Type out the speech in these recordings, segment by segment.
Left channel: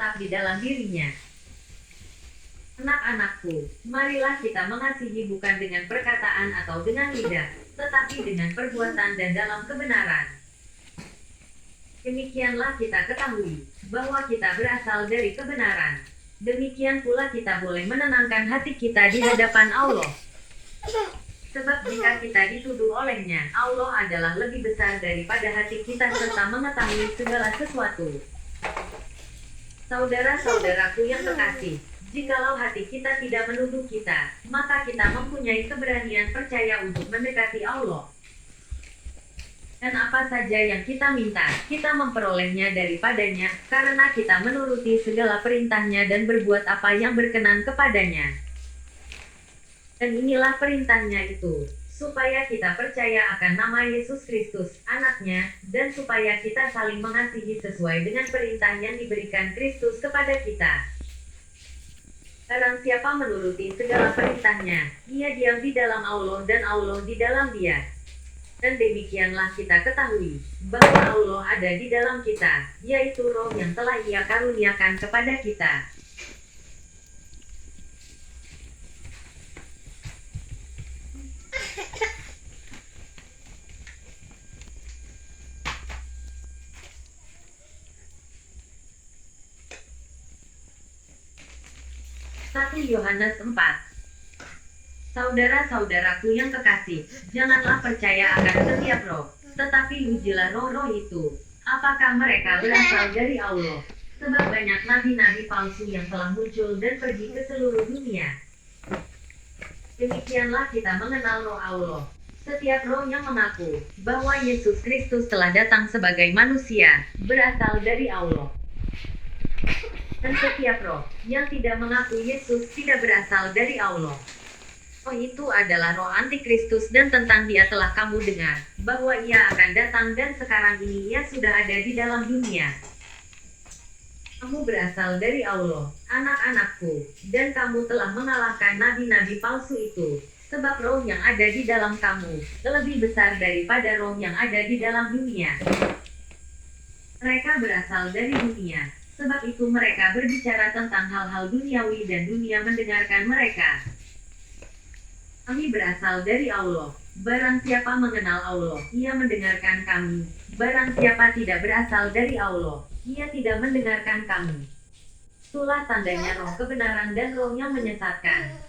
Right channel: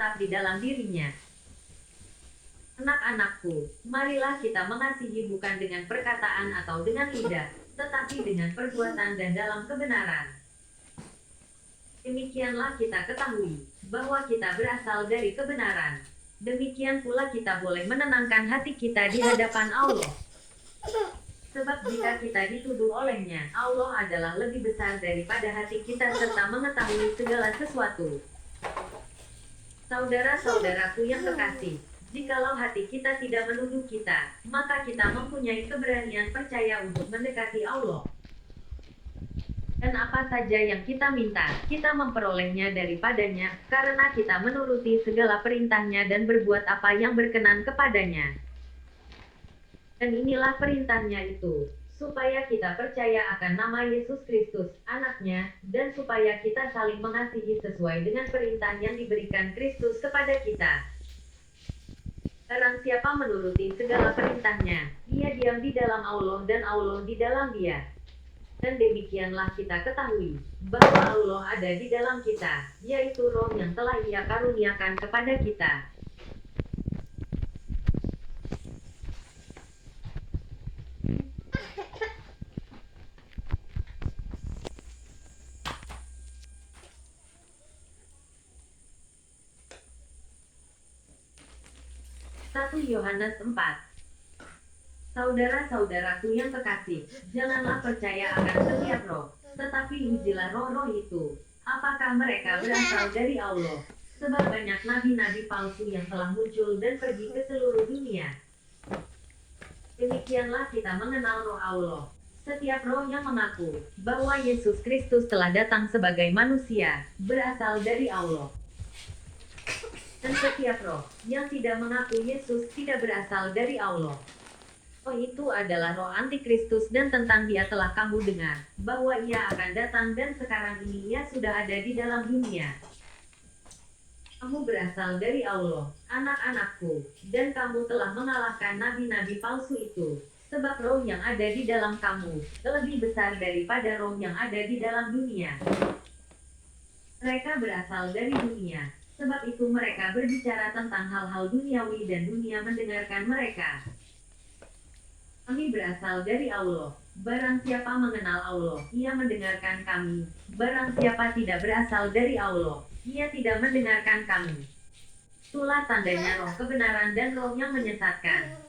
tetap di dalam dirinya. Anak-anakku, marilah kita mengasihi bukan dengan perkataan atau dengan lidah, tetapi dengan perbuatan dan dalam kebenaran. Demikianlah kita ketahui bahwa kita berasal dari kebenaran. Demikian pula kita boleh menenangkan hati kita di hadapan Allah. Sebab jika kita dituduh olehnya, Allah adalah lebih besar daripada hati kita serta mengetahui segala sesuatu. Saudara-saudaraku yang kekasih, jikalau hati kita tidak menuduh kita, maka kita mempunyai keberanian percaya untuk mendekati Allah. Dan apa saja yang kita minta, kita memperolehnya daripadanya, karena kita menuruti segala perintahnya dan berbuat apa yang berkenan kepadanya. Dan inilah perintahnya itu, supaya kita percaya akan nama Yesus Kristus, anaknya, dan supaya kita saling mengasihi sesuai dengan perintah yang diberikan Kristus kepada kita. Barang siapa menuruti segala perintahnya, ia diam di dalam Allah dan Allah di dalam dia. Dan demikianlah kita ketahui, bahwa Allah ada di dalam kita, yaitu Roh yang telah Ia karuniakan kepada kita. Satu Yohanes 4. Saudara-saudaraku yang kekasih, janganlah percaya akan setiap roh, tetapi ujilah roh-roh itu, apakah mereka berasal dari Allah. Sebab banyak nabi-nabi palsu yang telah muncul dan pergi ke seluruh dunia. Demikianlah kita mengenal roh Allah. Setiap roh yang mengaku bahwa Yesus Kristus telah datang sebagai manusia, berasal dari Allah. Dan setiap roh yang tidak mengaku Yesus tidak berasal dari Allah. Roh itu adalah roh antikristus dan tentang dia telah kamu dengar, bahwa ia akan datang dan sekarang ini ia sudah ada di dalam dunia. Kamu berasal dari Allah, anak-anakku, dan kamu telah mengalahkan nabi-nabi palsu itu, sebab roh yang ada di dalam kamu, lebih besar daripada roh yang ada di dalam dunia. Mereka berasal dari dunia, sebab itu mereka berbicara tentang hal-hal duniawi dan dunia mendengarkan mereka. Kami berasal dari Allah. Barang siapa mengenal Allah, ia mendengarkan kami. Barang siapa tidak berasal dari Allah, ia tidak mendengarkan kami. Itulah tandanya roh kebenaran dan roh yang menyesatkan.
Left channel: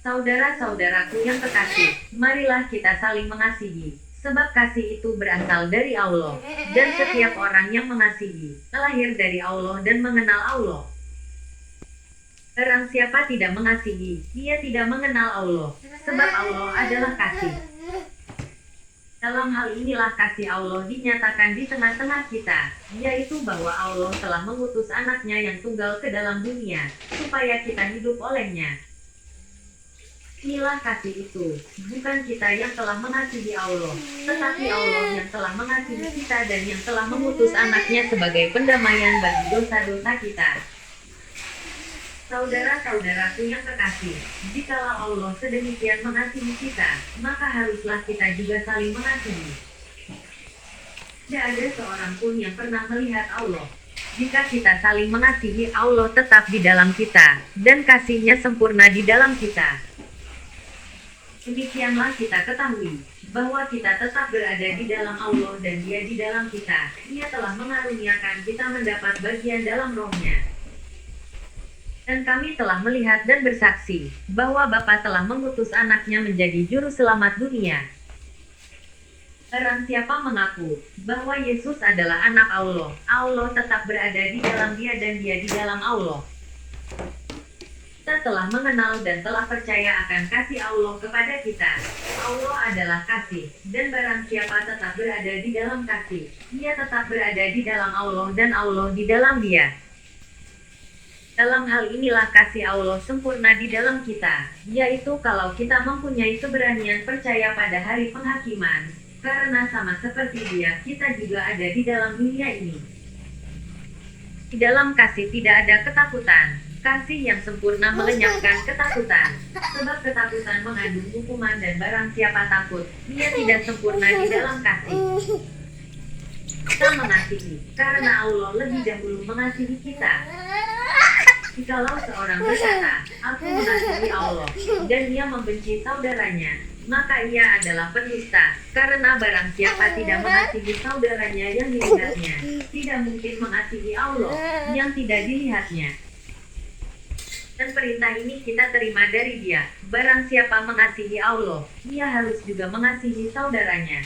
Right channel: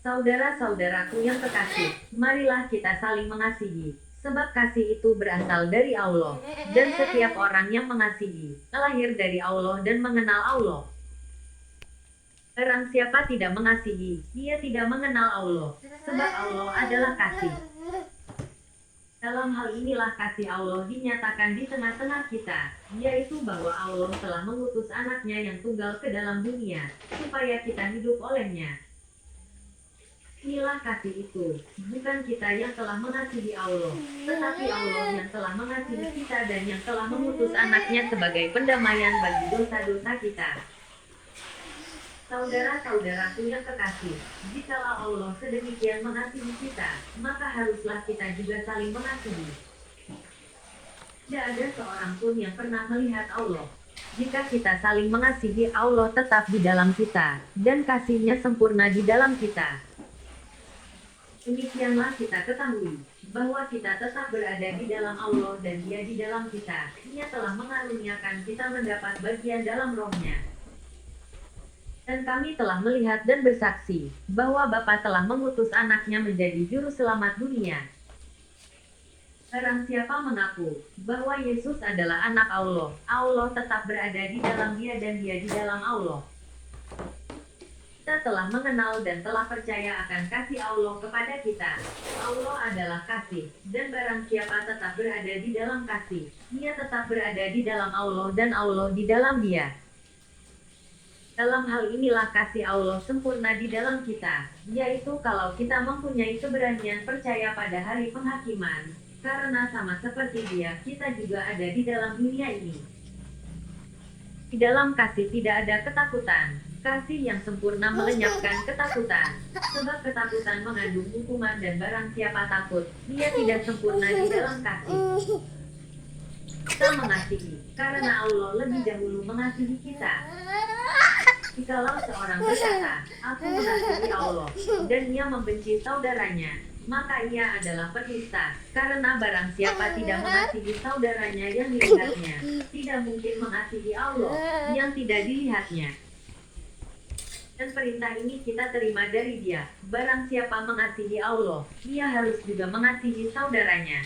Saudara-saudaraku yang kekasih, marilah kita saling mengasihi, sebab kasih itu berasal dari Allah. Dan setiap orang yang mengasihi, lahir dari Allah dan mengenal Allah. Barang siapa tidak mengasihi, ia tidak mengenal Allah, sebab Allah adalah kasih. Dalam hal inilah kasih Allah dinyatakan di tengah-tengah kita, yaitu bahwa Allah telah mengutus anaknya yang tunggal ke dalam dunia, supaya kita hidup olehnya. Inilah kasih itu, bukan kita yang telah mengasihi Allah, tetapi Allah yang telah mengasihi kita dan yang telah mengutus anaknya sebagai pendamaian bagi dosa-dosa kita. Saudara-saudaraku yang kekasih, jikalau Allah sedemikian mengasihi kita, maka haruslah kita juga saling mengasihi. Tidak ada seorang pun yang pernah melihat Allah. Jika kita saling mengasihi, Allah tetap di dalam kita, dan kasih-Nya sempurna di dalam kita. Demikianlah kita ketahui, bahwa kita tetap berada di dalam Allah dan Dia di dalam kita. Ia telah mengaruniakan kita mendapat bagian dalam Roh-Nya. Dan kami telah melihat dan bersaksi, bahwa Bapa telah mengutus anaknya menjadi juru selamat dunia. Barang siapa mengaku, bahwa Yesus adalah anak Allah, Allah tetap berada di dalam dia dan dia di dalam Allah. Kita telah mengenal dan telah percaya akan kasih Allah kepada kita. Allah adalah kasih, dan barang siapa tetap berada di dalam kasih, ia tetap berada di dalam Allah dan Allah di dalam dia. Dalam hal inilah kasih Allah sempurna di dalam kita, yaitu kalau kita mempunyai keberanian percaya pada hari penghakiman, karena sama seperti Dia, kita juga ada di dalam dunia ini. Di dalam kasih tidak ada ketakutan, kasih yang sempurna melenyapkan ketakutan, sebab ketakutan mengandung hukuman dan barang siapa takut, ia tidak sempurna di dalam kasih. kita mengasihi, karena Allah lebih dahulu mengasihi kita. Jikalau seorang berkata, "Aku mengasihi Allah," dan ia membenci saudaranya, maka ia adalah penista, karena barang siapa tidak mengasihi saudaranya yang dilihatnya, tidak mungkin mengasihi Allah, yang tidak dilihatnya. Dan perintah ini kita terima dari Dia, barang siapa mengasihi Allah, ia harus juga mengasihi saudaranya.